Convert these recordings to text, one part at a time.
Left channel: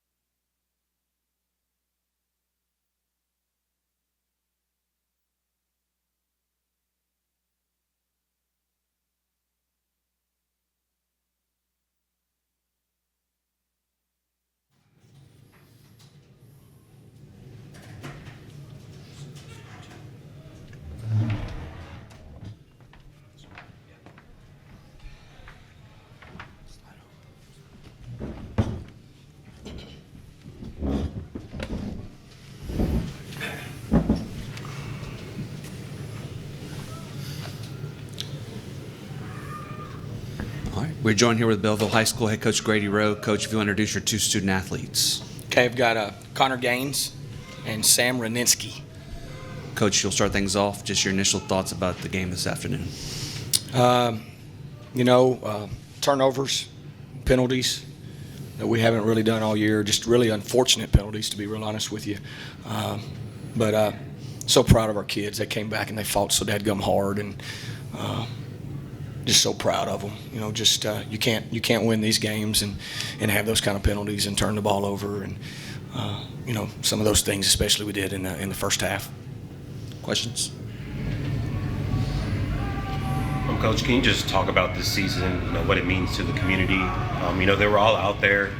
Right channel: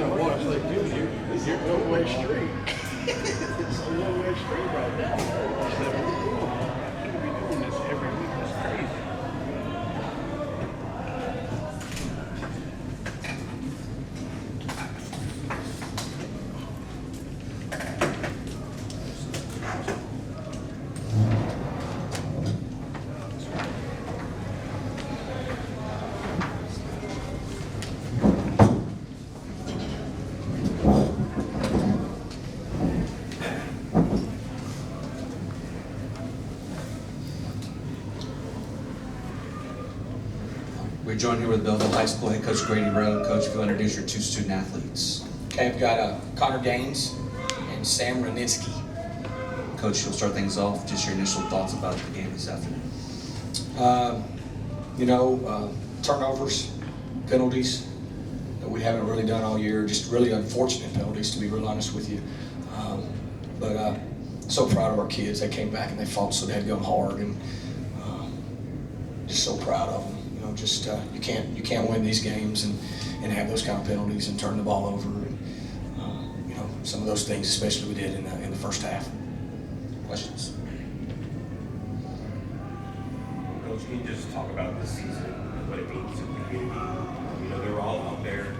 gonna watch like you're one-way street. It's a one-way street right now. So, we could be doing this every week. That's crazy. We're joined here with Belleville High School head coach Grady Rowe. Coach, if you introduce your two student athletes. Okay, I've got Connor Gaines and Sam Raninsky. Coach, you'll start things off. Just your initial thoughts about the game this afternoon. Turnovers, penalties that we haven't really done all year. Just really unfortunate penalties, to be real honest with you. But so proud of our kids. They came back and they fought so dadgum hard, and just so proud of them. You know, just you can't win these games and have those kind of penalties and turn the ball over, and some of those things, especially we did in the first half. Questions? Coach, can you just talk about this season, what it means to the community? They were all out there.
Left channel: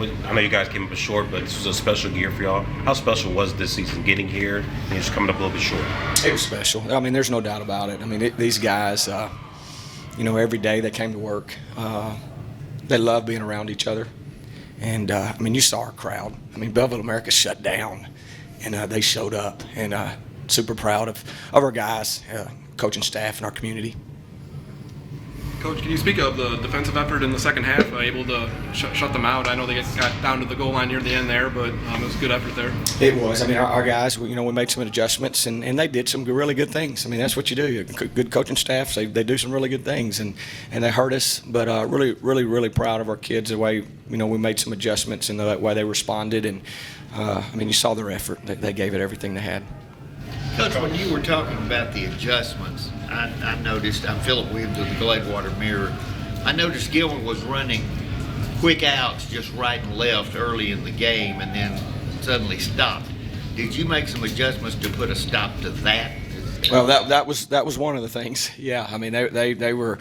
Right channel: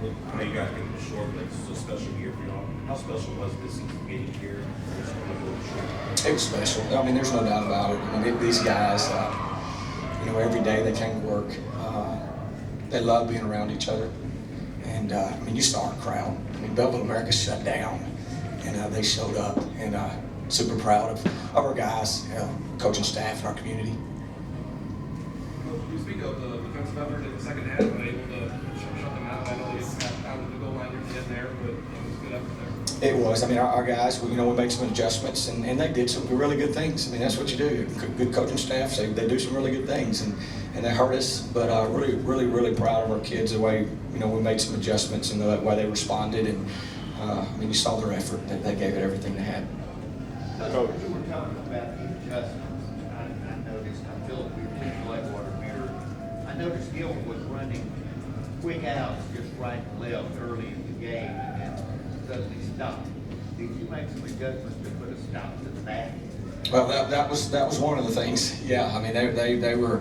I know you guys came up short, but this was a special year for y'all. How special was this season getting here and just coming up a little bit short? It was special. I mean, there's no doubt about it. I mean, these guys, every day they came to work. They love being around each other. And, you saw our crowd. I mean, Belleville America shut down, and they showed up. And super proud of our guys, coaching staff, and our community. Coach, can you speak of the defensive effort in the second half, able to shut them out? I know they got down to the goal line near the end there, but it was a good effort there. It was. I mean, our guys, we made some adjustments, and they did some really good things. I mean, that's what you do. Good coaching staff, they do some really good things, and they hurt us. But really proud of our kids, the way, we made some adjustments and the way they responded. And, you saw their effort. They gave it everything they had. Coach, when you were talking about the adjustments, I noticed, I'm Philip Williams with the Gladewater Mirror. I noticed Gilman was running quick outs just right and left early in the game and then suddenly stopped. Did you make some adjustments to put a stop to that? Well, that was one of the things. Yeah, I mean they were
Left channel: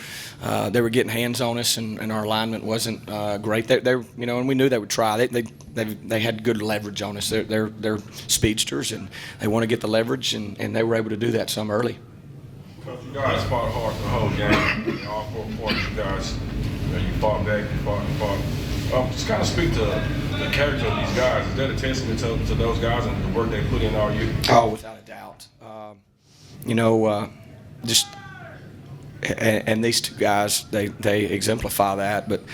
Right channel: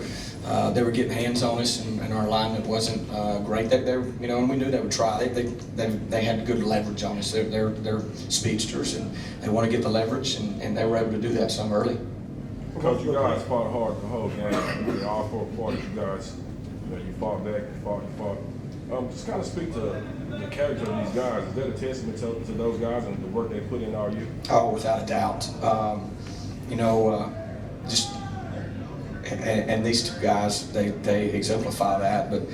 getting hands on us, and our alignment wasn't great. They and we knew they would try. They had good leverage on us. They're speedsters, and they want to get the leverage, and they were able to do that some early. Coach, you guys fought hard the whole game. All four quarters, you guys, you fought back, you fought. Just kind of speak to the character of these guys. Is that a testament to those guys and the work they put in all year? Oh, without a doubt. And these two guys, they exemplify that, but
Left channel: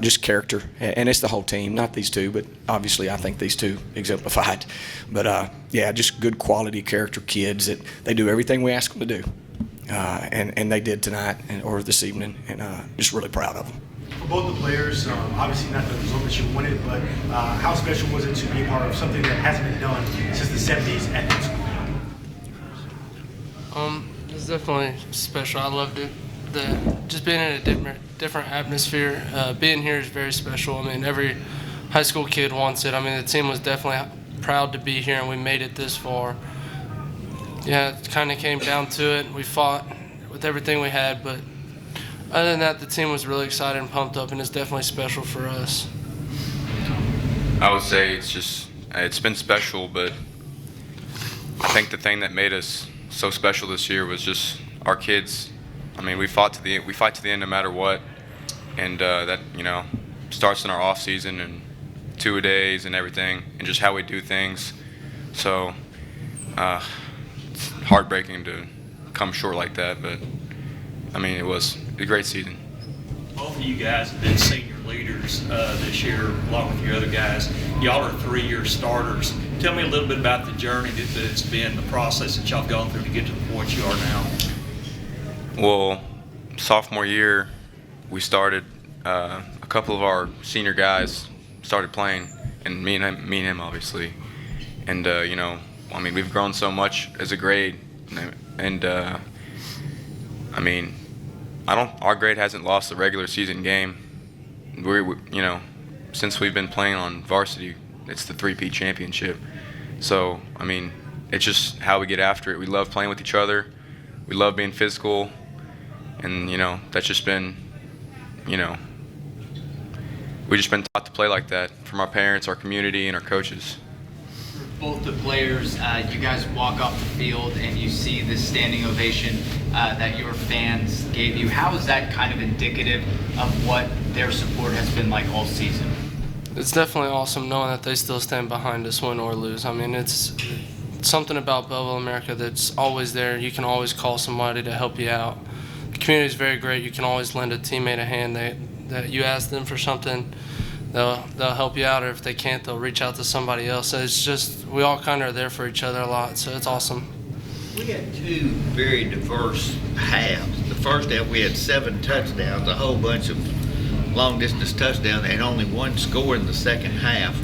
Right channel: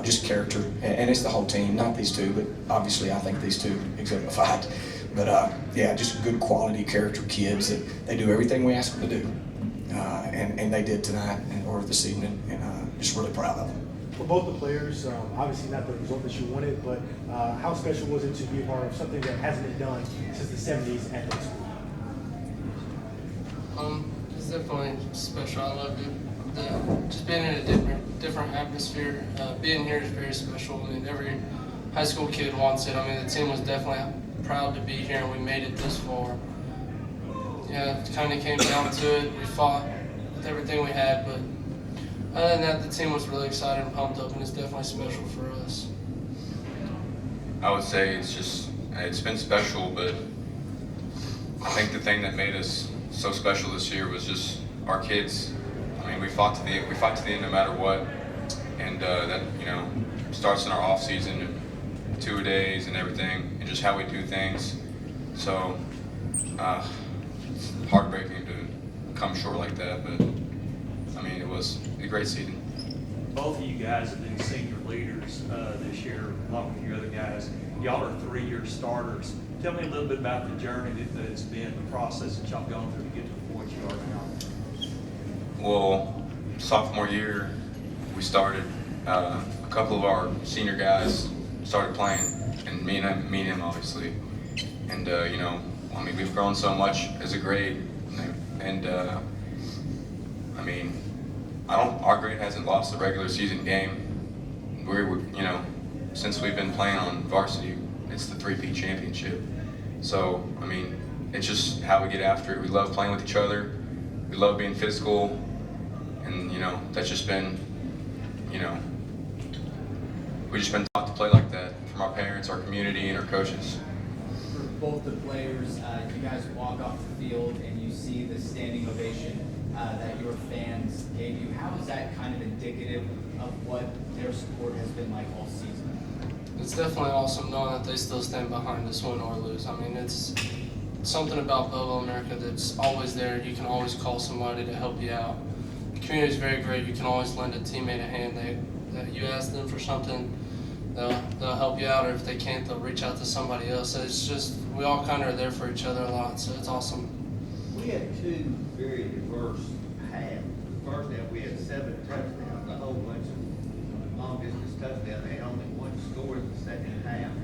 just character, and it's the whole team, not these two, but obviously I think these two exemplify it. But just good quality character kids that they do everything we ask them to do, and they did tonight or this evening, and just really proud of them. For both the players, obviously not the result that you wanted, but how special was it to be a part of something that hasn't been done since the 70s at this school? It's definitely special. I loved it. Just being in a different atmosphere, being here is very special. I mean, every high school kid wants it. I mean, the team was definitely proud to be here, and we made it this far. Yeah, it kind of came down to it. We fought with everything we had, but other than that, the team was really excited and pumped up, and it's definitely special for us. I would say it's been special, but I think the thing that made us so special this year was just our kids. I mean, we fight to the end no matter what, and that starts in our off season and two-a-days and everything, and just how we do things. So it's heartbreaking to come short like that, but I mean, it was a great season. Both of you guys have been senior leaders this year, along with your other guys. Y'all are 3-year starters. Tell me a little bit about the journey that it's been, the process that y'all have gone through to get to the point you are now. Well, sophomore year, we started, a couple of our senior guys started playing, and me and him obviously. And, we've grown so much as a grade, and our grade hasn't lost a regular season game. since we've been playing on varsity, it's the 3P championship. So, I mean, it's just how we get after it. We love playing with each other. We love being physical. And, that's just been, we've just been taught to play like that from our parents, our community, and our coaches. For both the players, you guys walk off the field and you see the standing ovation that your fans gave you. How is that kind of indicative of what their support has been like all season? It's definitely awesome knowing that they still stand behind us, win or lose. I mean, it's something about Belleville, America that's always there. You can always call somebody to help you out. The community is very great. You can always lend a teammate a hand. That you ask them for something, they'll help you out, or if they can't, they'll reach out to somebody else. So it's just, we all kind of are there for each other a lot, so it's awesome. We had two very diverse halves. The first half we had 7 touchdowns, a whole bunch of long distance touchdowns, and only one score in the second half.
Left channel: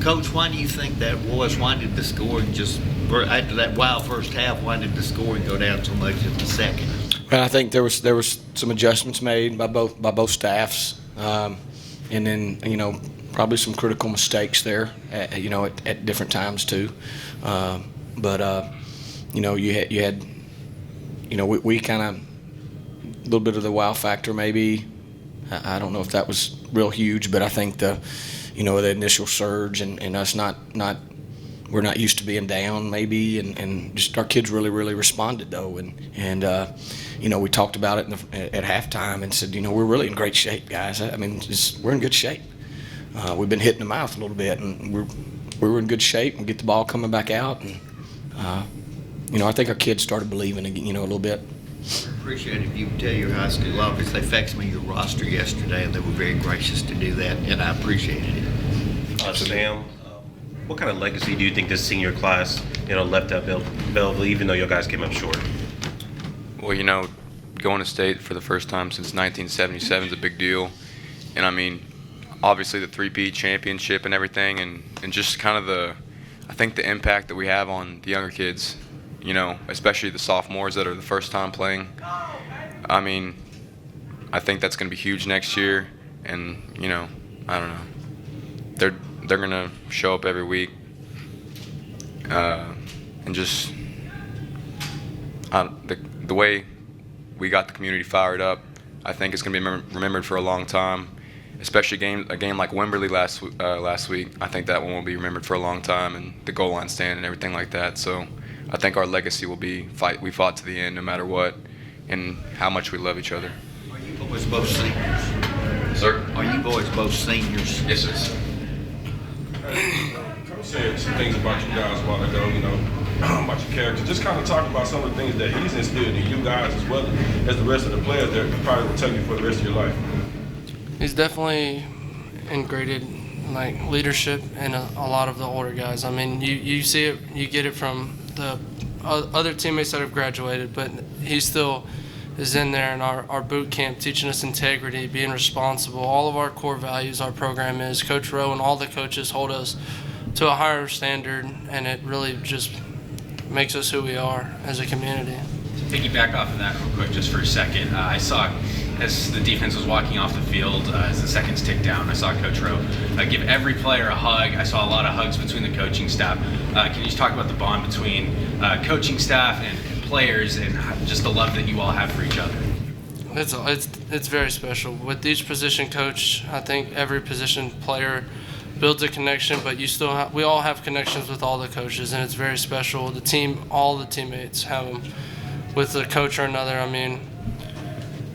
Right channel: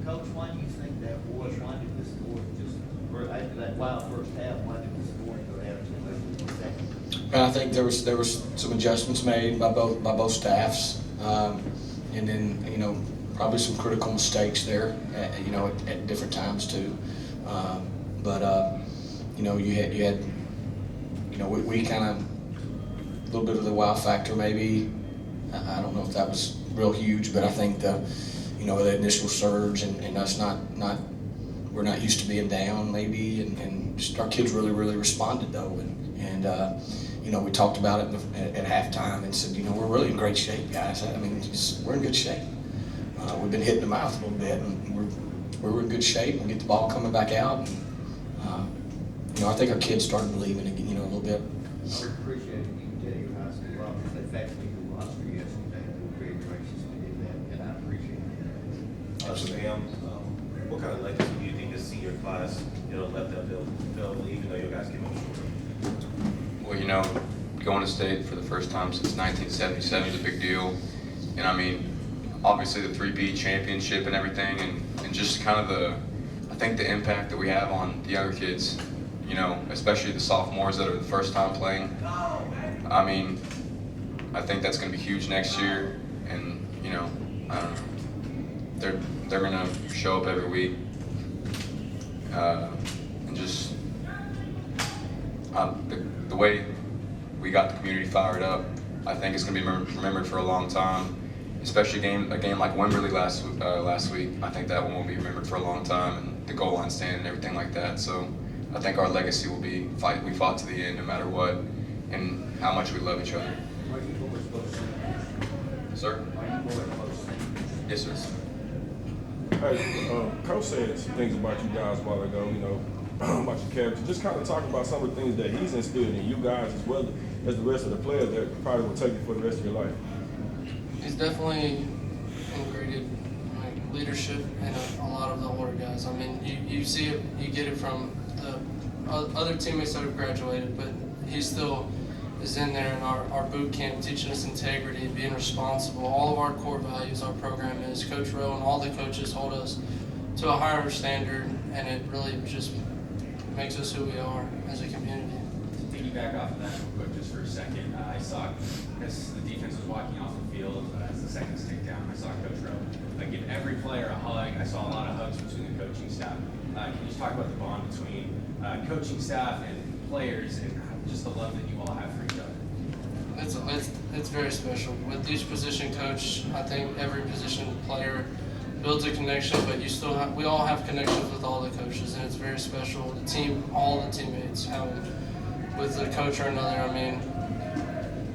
Coach, why do you think that was? Why did the scoring just, after that wild first half, why did the scoring go down so much in the second? And I think there was some adjustments made by both staffs, and then probably some critical mistakes there, at different times too. You had we kind of a little bit of the wow factor maybe. I don't know if that was real huge, but I think the initial surge and us we're not used to being down maybe, and just our kids really responded though, and we talked about it at halftime and said, we're really in great shape, guys. I mean, we're in good shape. We've been hitting the mouth a little bit, and we're in good shape and get the ball coming back out. And, I think our kids started believing again, a little bit. I appreciate if you can tell your high school office they faxed me your roster yesterday, and they were very gracious to do that, and I appreciated it. Sam, what kind of legacy do you think this senior class, left at Belleville, even though you guys came up short? Well, going to state for the first time since 1977 is a big deal. And I mean, obviously the 3P championship and everything, and just kind of I think the impact that we have on the younger kids, especially the sophomores that are the first time playing. I mean, I think that's going to be huge next year. And, I don't know. They're going to show up every week. And just the way we got the community fired up, I think it's going to be remembered for a long time. Especially a game like Wimberley last week. I think that one will be remembered for a long time, and the goal line stand and everything like that. So I think our legacy will be we fought to the end no matter what, and how much we love each other. Are you boys both seniors? Sir? Are you boys both seniors? Yes, sir. Hey, Coach said some things about you guys a while ago, about your character. Just kind of talk about some of the things that he's instilled in you guys as well as the rest of the players that probably will tell you for the rest of your life. He's definitely integrated leadership in a lot of the older guys. I mean, you see it, you get it from the other teammates that have graduated, but he still is in there in our boot camp teaching us integrity, being responsible. All of our core values, our program is. Coach Rowe and all the coaches hold us to a higher standard, and it really just makes us who we are as a community. To piggyback off of that real quick just for a second, I saw as the defense was walking off the field, as the seconds ticked down, I saw Coach Rowe give every player a hug. I saw a lot of hugs between the coaching staff. Can you just talk about the bond between coaching staff and players and just the love that you all have for each other? It's very special. With each position coach, I think every position player builds a connection, but we all have connections with all the coaches, and it's very special. The team, all the teammates have them with a coach or another. I mean,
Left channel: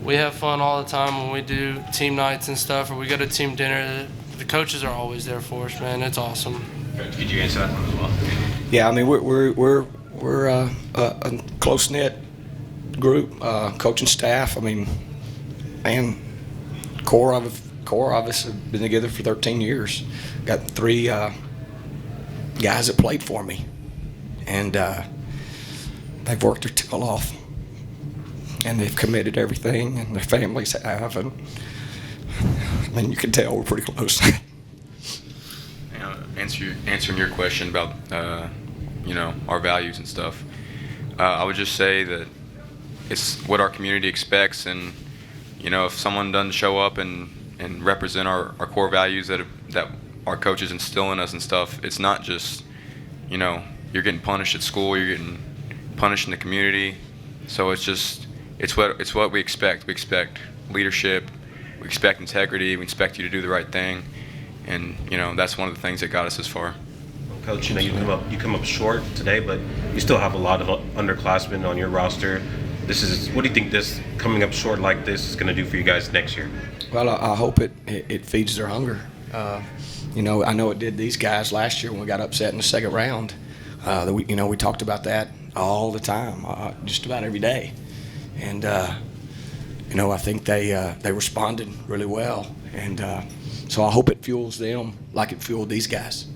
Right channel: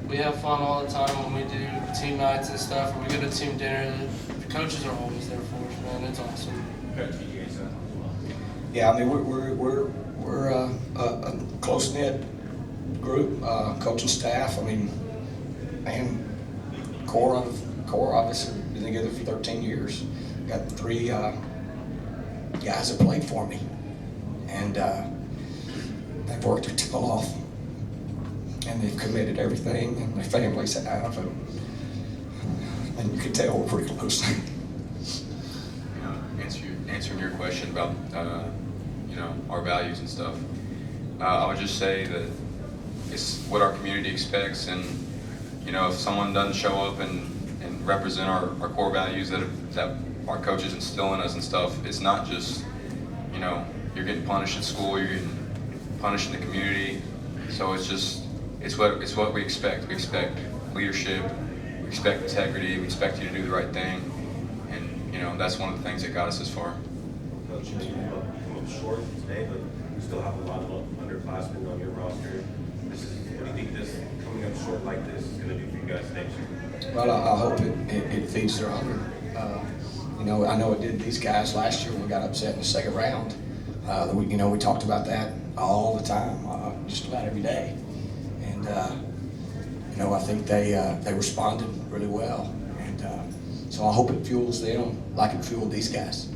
we have fun all the time when we do team nights and stuff, or we go to team dinner. The coaches are always there for us, man. It's awesome. Coach, could you answer that one as well? Yeah, I mean we're a close knit group, coaching staff. I mean, core obviously been together for 13 years. Got 3 guys that played for me, and they've worked their tail off. And they've committed everything, and their families have, and I mean, you can tell we're pretty close. Answering your question about our values and stuff, I would just say that it's what our community expects, and if someone doesn't show up and and represent our core values that our coaches instill in us and stuff. It's not just, you know, you're getting punished at school, you're getting punished in the community. So it's what we expect. We expect leadership, we expect integrity, we expect you to do the right thing, and you know that's one of the things that got us this far. Coach, you know you come up short today, but you still have a lot of underclassmen on your roster. What do you think this coming up short like this is going to do for you guys next year? Well, I hope it feeds their hunger. You know, I know it did these guys last year when we got upset in the second round. We talked about that all the time, just about every day. And, you know, I think they responded really well. And so I hope it fuels them like it fueled these guys.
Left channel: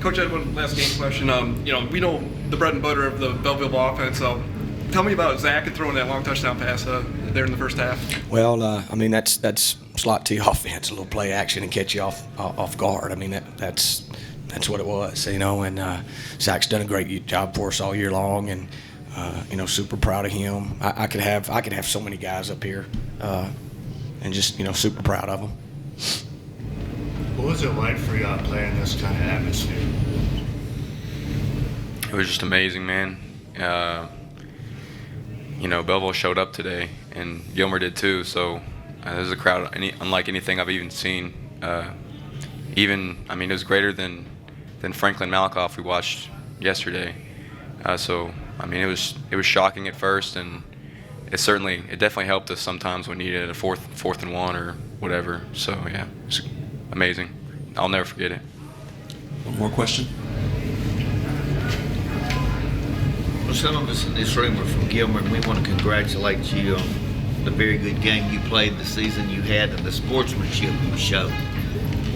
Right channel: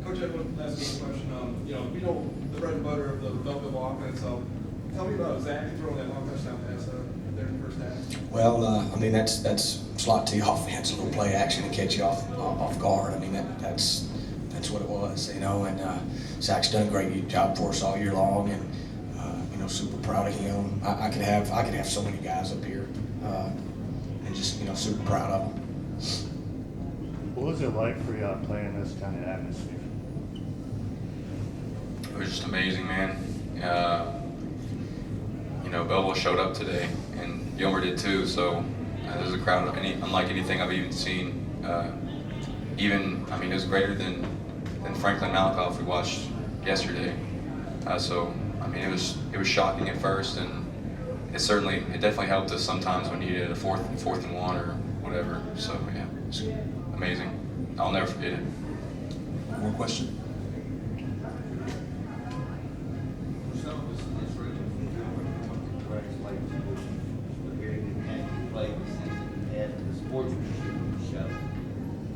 Coach, I have one last game question. You know, we know the bread and butter of the Belleville offense. Tell me about Zach and throwing that long touchdown pass there in the first half. Well, I mean, that's slot T offense, a little play action and catch you off guard. I mean, that's what it was, you know. And Zach's done a great job for us all year long, and you know, super proud of him. I could have so many guys up here, and just, you know, super proud of them. What was it like for y'all playing this kind of atmosphere? It was just amazing, man. You know, Belleville showed up today, and Gilmer did too. So there's a crowd unlike anything I've even seen. I mean, it was greater than Franklin Malakoff we watched yesterday. So I mean, it was shocking at first, and it definitely helped us sometimes when needed a fourth and one or whatever. So yeah, it's amazing. I'll never forget it. One more question. Well, some of us in this room are from Gilmer, and we want to congratulate you on the very good game you played, the season you had, and the sportsmanship you showed.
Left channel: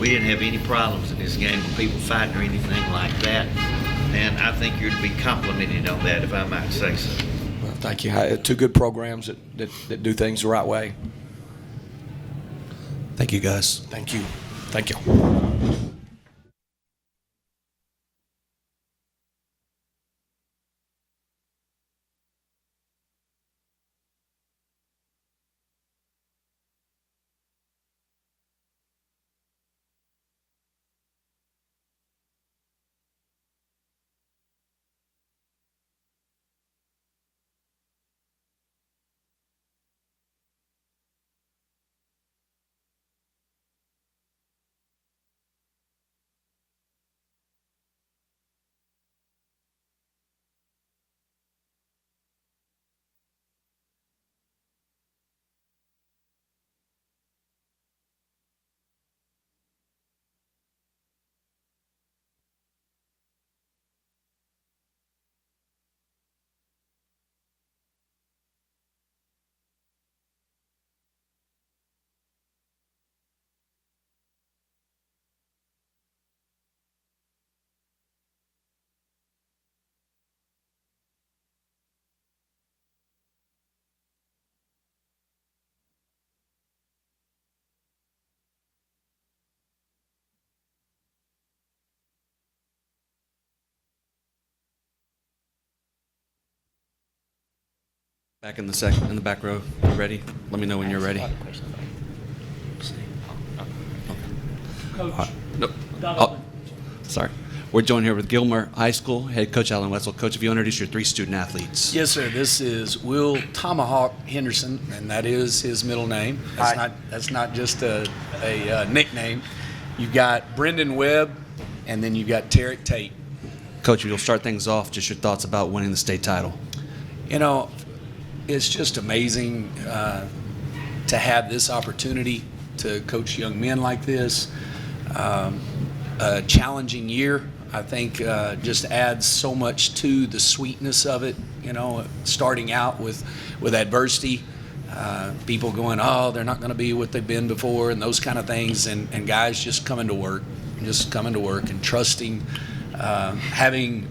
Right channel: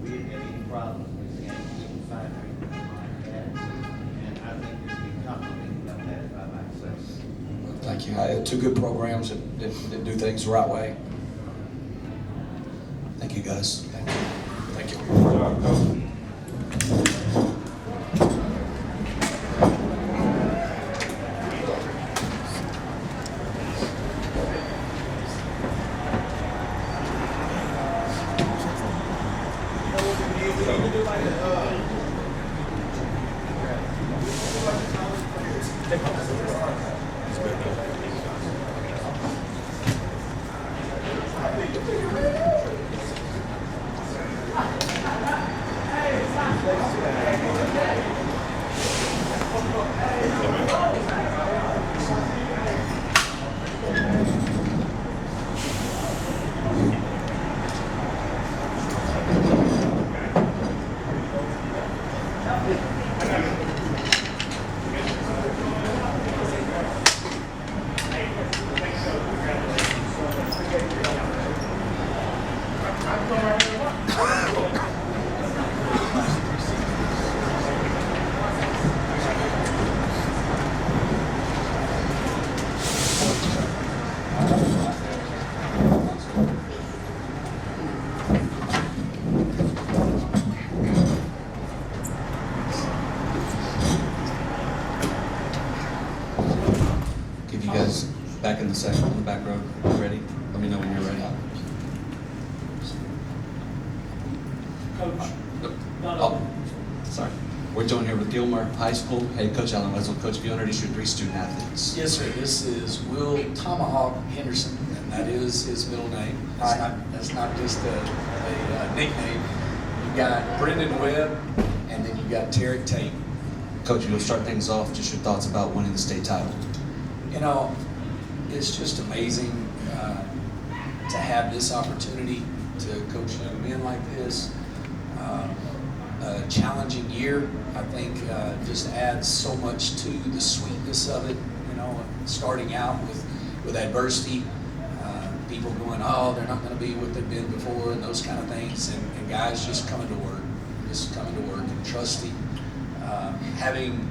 We didn't have any problems in this game with people fighting or anything like that, and I think you're to be complimented on that, if I might say so. Well, thank you. Two good programs that do things the right way. Thank you, guys. Thank you. Thank you. Give you guys back in the back row. You ready? Let me know when you're ready. Nope. Oh, sorry. We're joined here with Gilmer High School head coach Alan Wetzel. Coach, if you introduce your 3 student athletes. Yes, sir. This is Will Tomahawk Henderson, and that is his middle name. That's not just a nickname. You got Brendan Webb, and then you got Tarek Tate. Coach, you'll start things off. Just your thoughts about winning the state title. You know, it's just amazing to have this opportunity to coach young men like this. A challenging year, I think, just adds so much to the sweetness of it. You know, starting out with adversity, people going, oh, they're not going to be what they've been before, and those kind of things, and guys just coming to work and trusting, having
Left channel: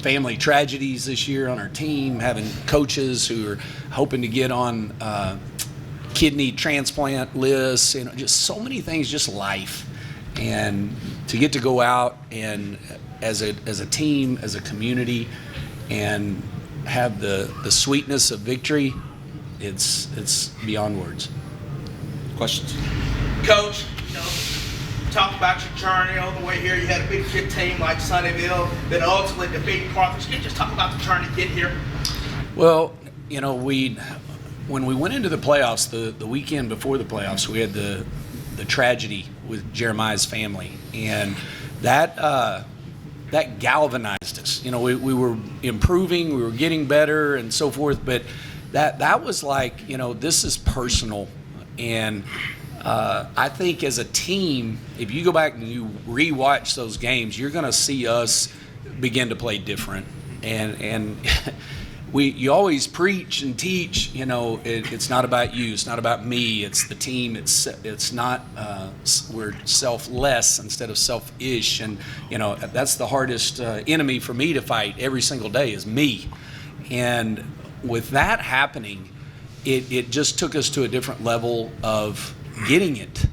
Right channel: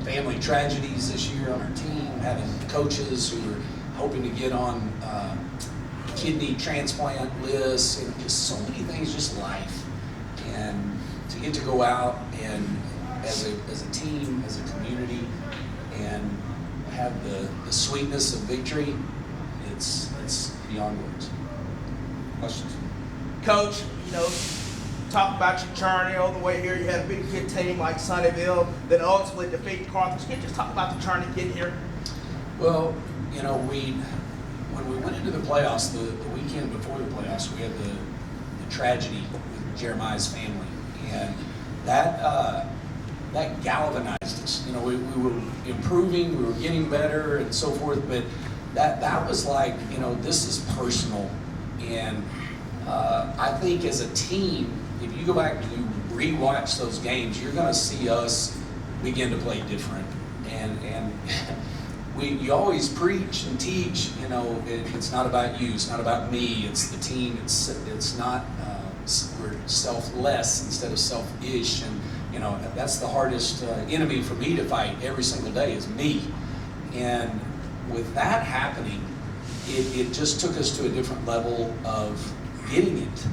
family tragedies this year on our team, having coaches who are hoping to get on kidney transplant lists, you know, just so many things, just life. And to get to go out and as a team, as a community, and have the sweetness of victory, it's beyond words. Questions? Coach, talk about your journey all the way here. You had a big kid team like Sunnyville, then ultimately defeat Carthage. Can you just talk about the journey to get here? Well, when we went into the playoffs, the weekend before the playoffs, we had the tragedy with Jeremiah's family, and that galvanized us. We were improving, we were getting better, and so forth. But that was like, this is personal, and I think as a team, if you go back and you rewatch those games, you're going to see us begin to play different, and you always preach and teach, it's not about you, it's not about me, it's the team, it's not, we're selfless instead of selfish, and, that's the hardest enemy for me to fight every single day is me. And with that happening, it just took us to a different level of getting it.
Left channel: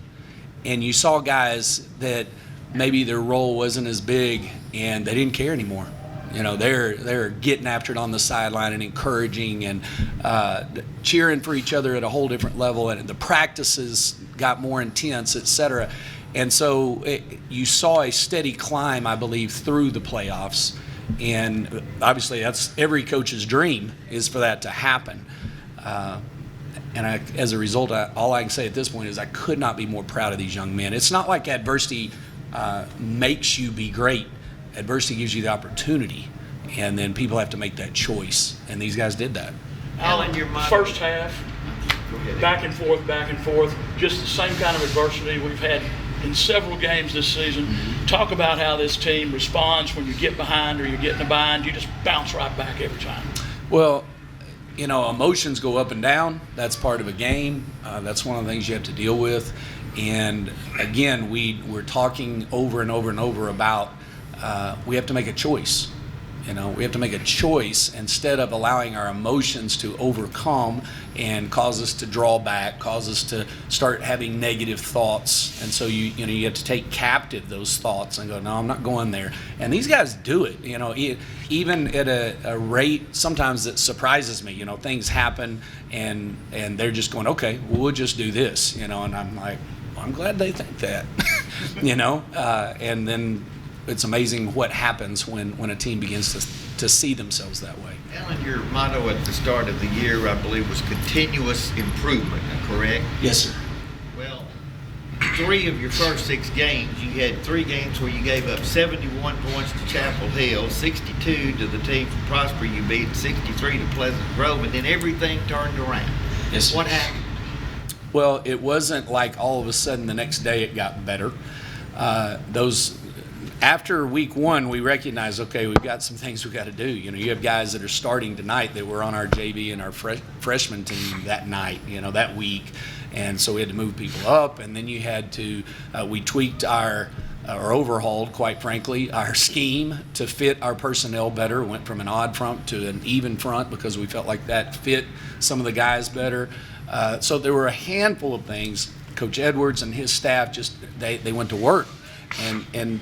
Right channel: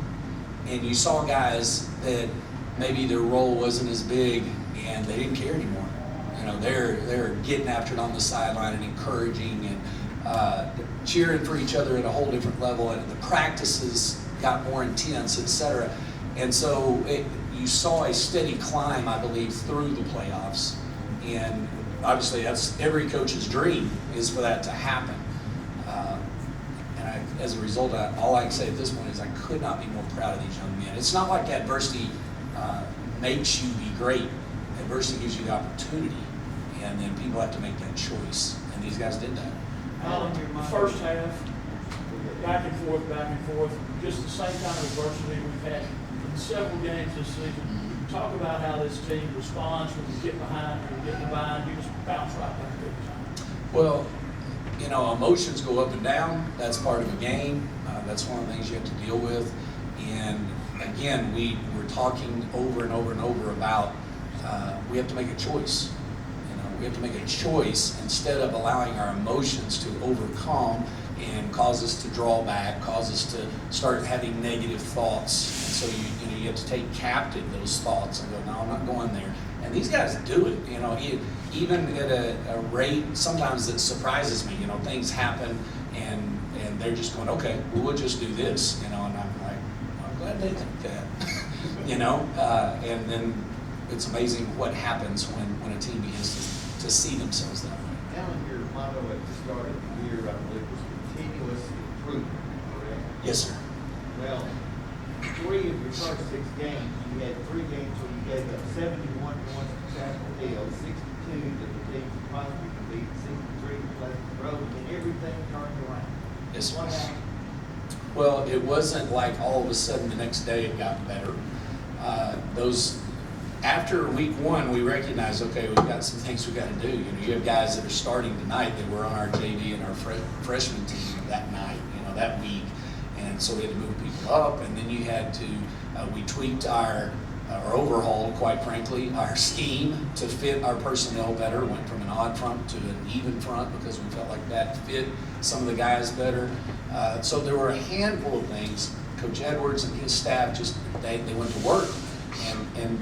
And you saw guys that maybe their role wasn't as big and they didn't care anymore. They're getting after it on the sideline and encouraging and cheering for each other at a whole different level. And the practices got more intense, etc. And so you saw a steady climb, I believe, through the playoffs. And obviously, that's every coach's dream is for that to happen. As a result, all I can say at this point is I could not be more proud of these young men. It's not like adversity makes you be great. Adversity gives you the opportunity, and then people have to make that choice, and these guys did that. Alan, your first half, back and forth, just the same kind of adversity we've had in several games this season. Talk about how this team responds when you get behind or you get in a bind. You just bounce right back every time. Well, emotions go up and down. That's part of a game. That's one of the things you have to deal with. And again, we're talking over and over and over about we have to make a choice. We have to make a choice instead of allowing our emotions to overcome and cause us to draw back, cause us to start having negative thoughts. And so you have to take captive those thoughts and go, no, I'm not going there. And these guys do it. Even at a rate sometimes that surprises me. Things happen and they're just going, okay, well, we'll just do this. And I'm like, well, I'm glad they think that. And then it's amazing what happens when a team begins to see themselves that way. Alan, your motto at the start of the year, I believe, was continuous improvement, correct? Yes, sir. Well, 3 of your first 6 games, you had 3 games where you gave up 71 points to Chapel Hill, 62 to the team from Prosper you beat, 63 to Pleasant Grove, and then everything turned around. Yes, sir. What happened? Well, it wasn't like all of a sudden the next day it got better. After week 1, we recognized, okay, we've got some things we've got to do. You have guys that are starting tonight that were on our JV and our freshman team that night, that week. And so we had to move people up. And then you had to, we tweaked or overhauled, quite frankly, our scheme to fit our personnel better. Went from an odd front to an even front because we felt like that fit some of the guys better. So there were a handful of things. Coach Edwards and his staff they went to work. And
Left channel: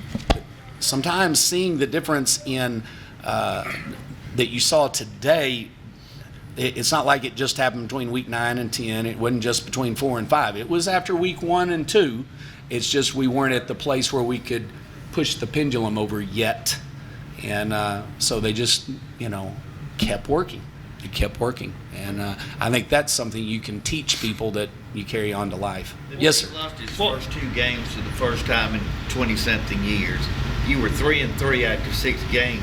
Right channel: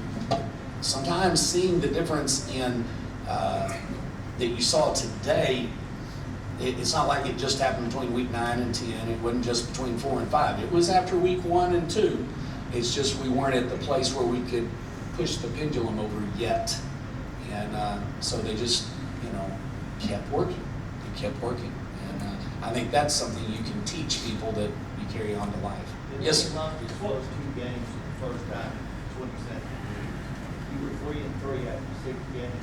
sometimes seeing the difference in that you saw today, it's not like it just happened between week 9 and 10. It wasn't just between 4 and 5. It was after week 1 and 2. It's just we weren't at the place where we could push the pendulum over yet. And so they just, kept working. It kept working. And I think that's something you can teach people that you carry on to life. Yes, sir. He lost his first 2 games for the first time in 20-something years. You were 3-3 after 6 games.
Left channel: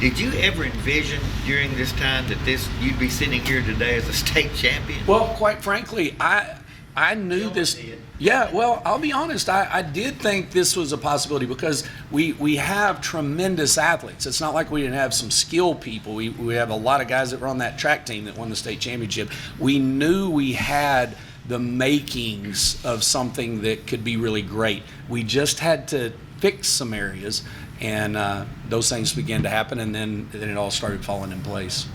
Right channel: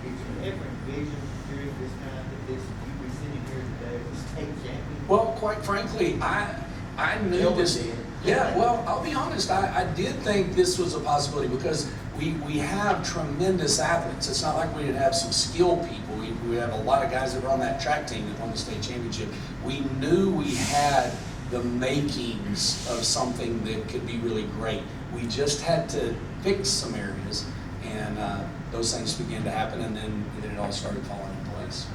Did you ever envision during this time that you'd be sitting here today as a state champion? Well, quite frankly, I knew this. Yeah, well, I'll be honest. I did think this was a possibility because we have tremendous athletes. It's not like we didn't have some skilled people. We have a lot of guys that were on that track team that won the state championship. We knew we had the makings of something that could be really great. We just had to fix some areas, and those things began to happen, and then it all started falling in place.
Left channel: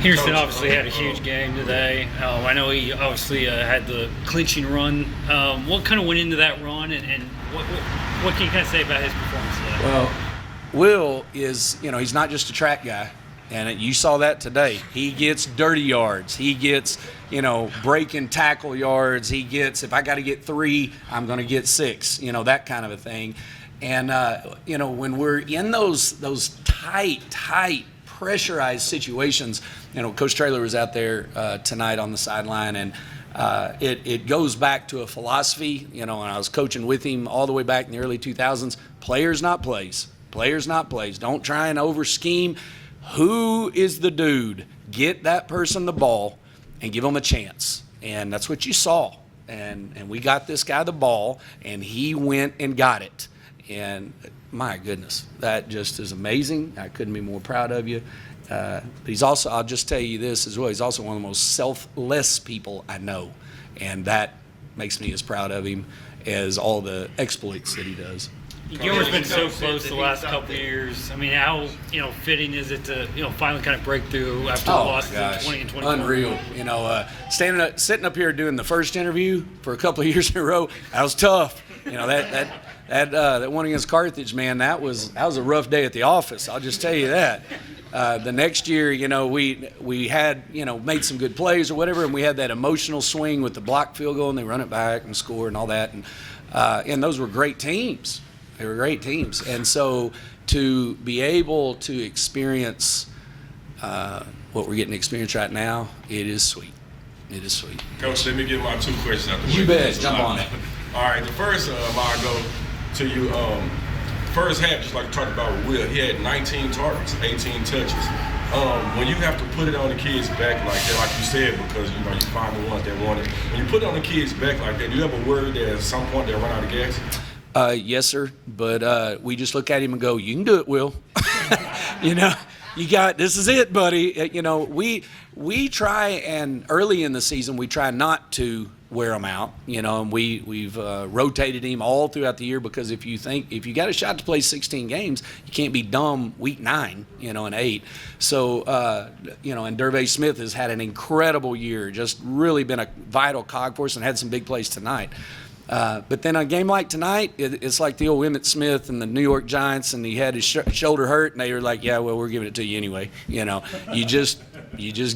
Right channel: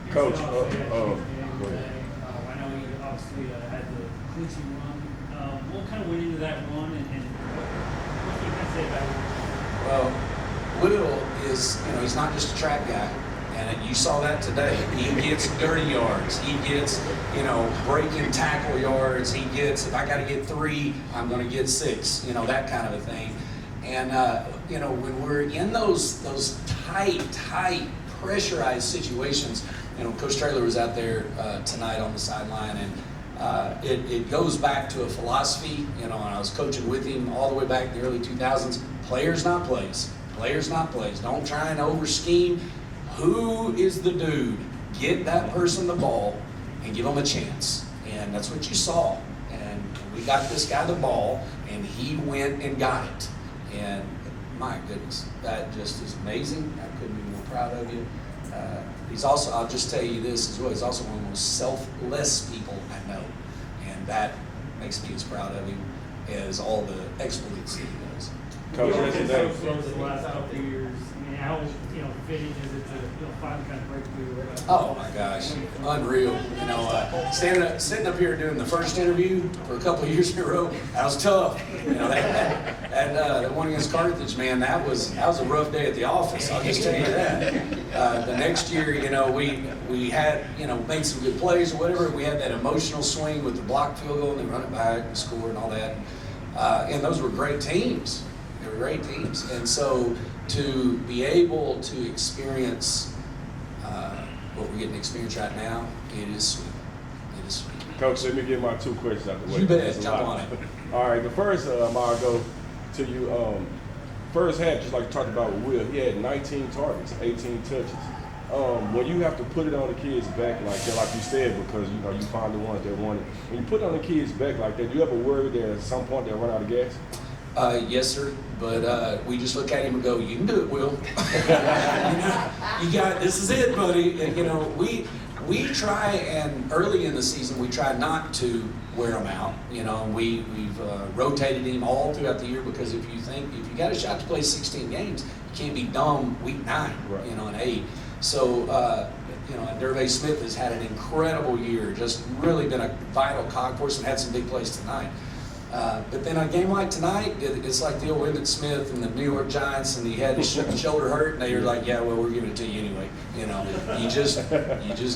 Henderson obviously had a huge game today. I know he obviously had the clinching run. What kind of went into that run, and what can you kind of say about his performance today? Well, Will is, he's not just a track guy. And you saw that today. He gets dirty yards. He gets, break and tackle yards. He gets, if I got to get 3, I'm going to get 6, that kind of a thing. And, when we're in those tight, pressurized situations, Coach Traylor was out there tonight on the sideline, and it goes back to a philosophy, and I was coaching with him all the way back in the early 2000s, players not plays. Players not plays. Don't try and over-scheme. Who is the dude? Get that person the ball and give them a chance. And that's what you saw. And we got this guy the ball, and he went and got it. And my goodness, that just is amazing. I couldn't be more proud of you. He's also, I'll just tell you this as well, he's also one of the most selfless people I know. And that makes me as proud of him as all the exploits that he does. Gilmer's been so close the last couple of years. I mean, how fitting is it to finally kind of break through after the loss in 2020? Unreal. Sitting up here doing the first interview for a couple of years in a row, that was tough. That one against Carthage, man, that was a rough day at the office. I'll just tell you that. The next year, we had made some good plays or whatever, and we had that emotional swing with the blocked field goal, and they run it back and score and all that, and those were great teams. They were great teams, and so to be able to experience what we're getting to experience right now, it is sweet. It is sweet. Coach, let me get my 2 questions out the way. You bet. Jump on it. All right, the first, I'll go to you. First half, just like you talked about with Will, he had 19 targets, 18 touches. When you have to put it on the kids' back like that, like you said, because you find the ones that want it. When you put it on the kids' back like that, do you ever worry that at some point they'll run out of gas? Yes, sir. But we just look at him and go, "You can do it, Will." You got this. Is it, buddy? We try, and early in the season we try not to wear him out. And we've rotated him all throughout the year, because if you got a shot to play 16 games, you can't be dumb week 9, and 8. So and Dervay Smith has had an incredible year, just really been a vital cog for us, and had some big plays tonight. But then a game like tonight, it's like the old Emmitt Smith and the New York Giants, and he had his shoulder hurt, and they were like, "Yeah, well, we're giving it to you anyway." You just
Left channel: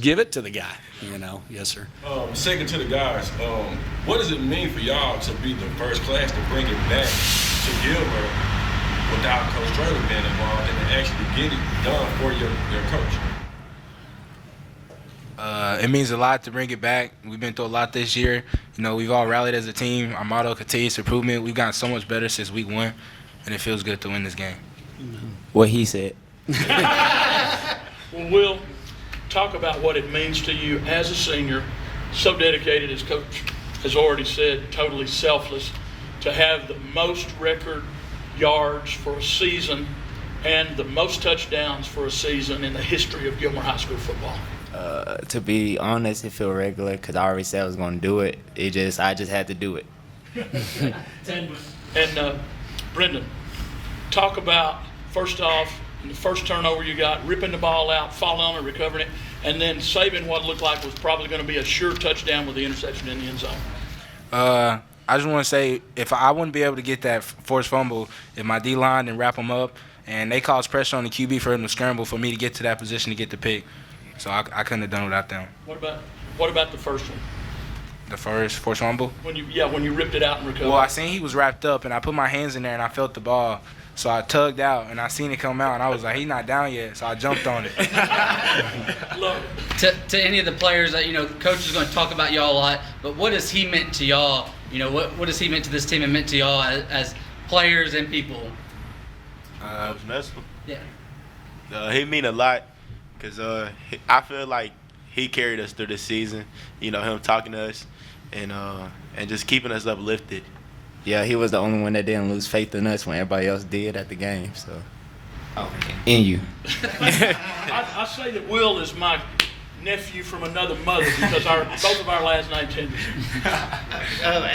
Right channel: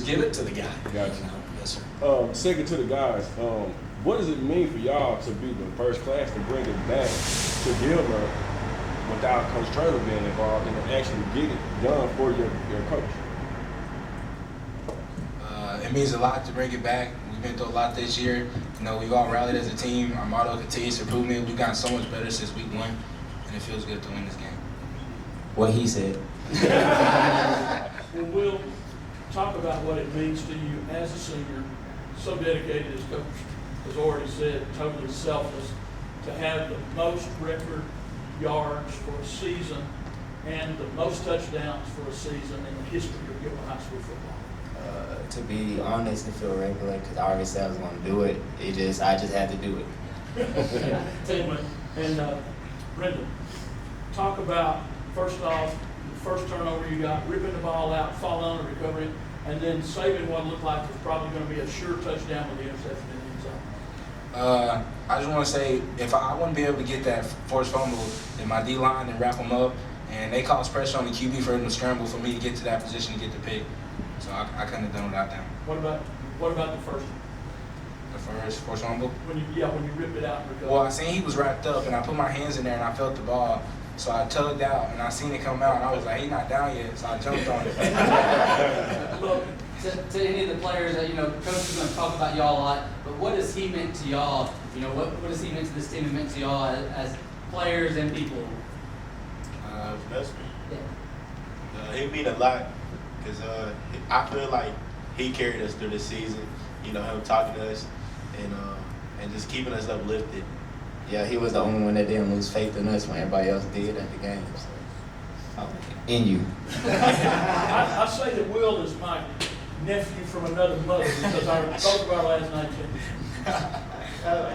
give it to the guy. Yes, sir. Second to the guys, what does it mean for y'all to be the first class to bring it back to Gilmer without Coach Traylor being involved, and to actually get it done for your coach? It means a lot to bring it back. We've been through a lot this year. We've all rallied as a team. Our motto, continuous improvement. We've gotten so much better since week 1, and it feels good to win this game. What he said. Well, Will, talk about what it means to you as a senior, so dedicated, as Coach has already said, totally selfless, to have the most record yards for a season and the most touchdowns for a season in the history of Gilmer High School football. To be honest, it felt regular because I already said I was going to do it. I just had to do it. And Brendan, talk about, first off, the first turnover you got, ripping the ball out, falling on it, recovering it, and then saving what looked like was probably going to be a sure touchdown with the interception in the end zone. I just want to say, if I wouldn't be able to get that forced fumble, if my D-line didn't wrap them up, and they caused pressure on the QB for him to scramble for me to get to that position to get the pick. So I couldn't have done without them. What about the first one? The first forced fumble? When you ripped it out and recovered. Well, I seen he was wrapped up, and I put my hands in there, and I felt the ball. So I tugged out, and I seen it come out, and I was like, he's not down yet. So I jumped on it. Look, to any of the players, Coach is going to talk about y'all a lot, but what has he meant to y'all? What has he meant to this team and meant to y'all as players and people? Yeah. He mean a lot, because I feel like he carried us through this season. Him talking to us and just keeping us uplifted. Yeah, he was the only one that didn't lose faith in us when everybody else did at the game. So, in you. I say that Will is my nephew from another mother because both of our last names end.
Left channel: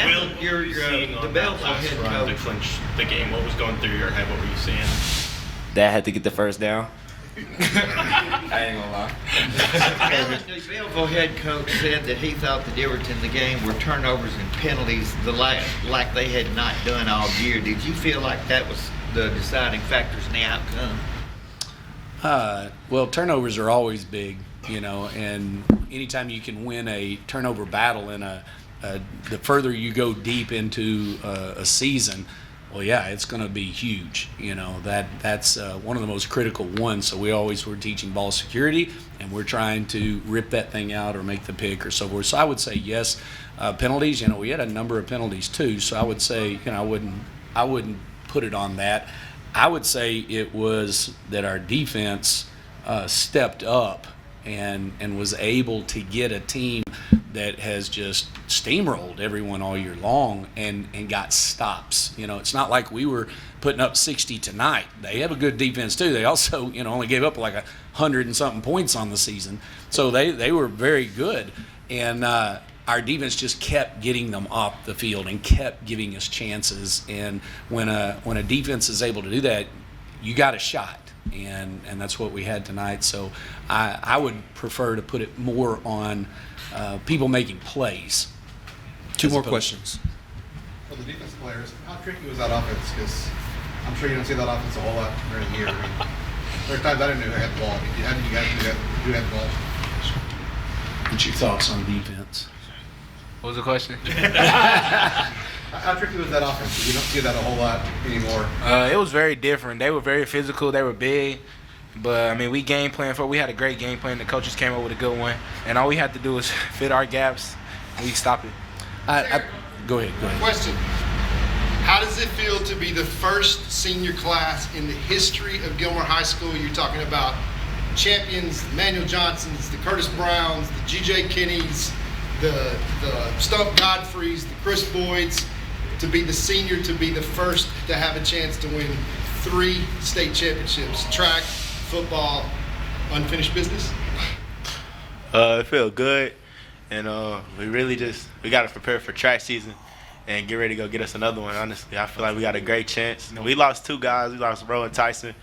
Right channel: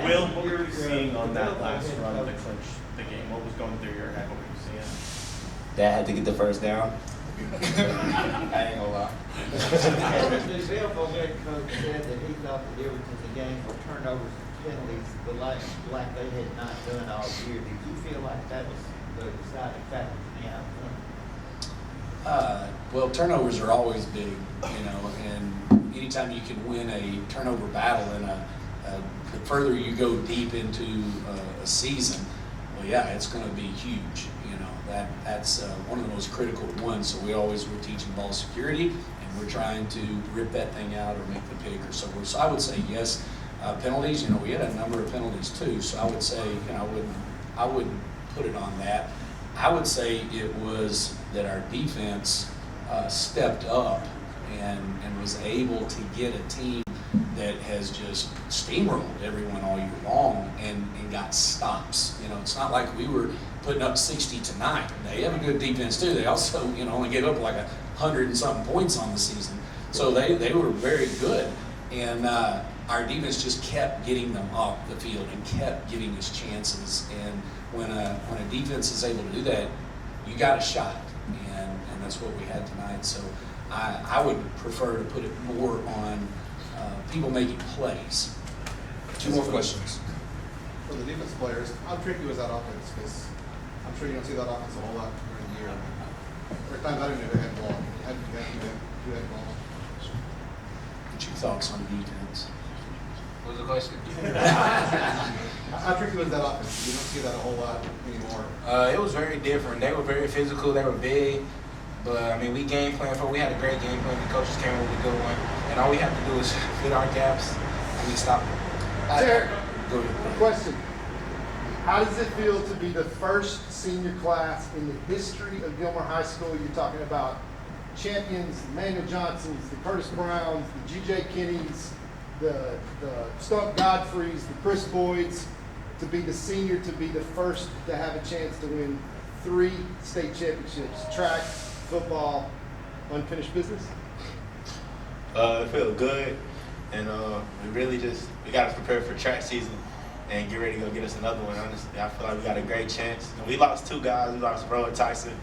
Will, you're seeing on that last run to clinch the game. What was going through your head? What were you seeing? That I had to get the first down. I ain't gonna lie. The Belleville head coach said that he thought the difference in the game were turnovers and penalties, like they had not done all year. Did you feel like that was the deciding factors in the outcome? Well, turnovers are always big, and anytime you can win a turnover battle and the further you go deep into a season, well, yeah, it's going to be huge. That's one of the most critical ones. So we always were teaching ball security, and we're trying to rip that thing out or make the pick or so forth. So I would say yes. Penalties, we had a number of penalties too. So I would say, I wouldn't put it on that. I would say it was that our defense stepped up and was able to get a team that has just steamrolled everyone all year long and got stops. It's not like we were putting up 60 tonight. They have a good defense too. They also, only gave up like 100 and something points on the season. So they were very good. And our defense just kept getting them off the field and kept giving us chances. And when a defense is able to do that, you got a shot. And that's what we had tonight. So I would prefer to put it more on people making plays. Two more questions. For the defense players, how tricky was that offense? Because I'm sure you don't see that offense a whole lot during the year. There are times I didn't know who had the ball. You guys do have the ball. What's your thoughts on defense? What was the question? How tricky was that offense? You don't see that a whole lot anymore. It was very different. They were very physical. They were big. But, we game planned for. We had a great game plan. The coaches came up with a good one. And all we had to do was fit our gaps, and we stopped it. Go ahead. Question. How does it feel to be the first senior class in the history of Gilmer High School? You're talking about champions, the Manuel Johnsons, the Curtis Browns, the G.J. Kennys, the Stump Godfreys, the Chris Boyds, to be the senior, to be the first to have a chance to win 3 state championships, track, football, unfinished business? It felt good, and we got to prepare for track season and get ready to go get us another one. Honestly, I feel like we got a great chance. We lost 2 guys. We lost Bro and Tyson,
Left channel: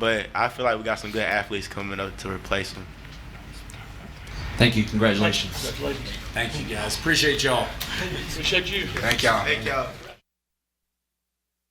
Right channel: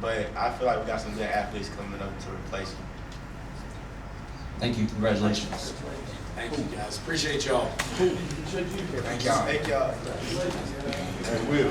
but I feel like we got some good athletes coming up to replace them. Thank you. Congratulations. Thank you, guys. Appreciate y'all. Appreciate you. Thank y'all. Thank y'all. Will.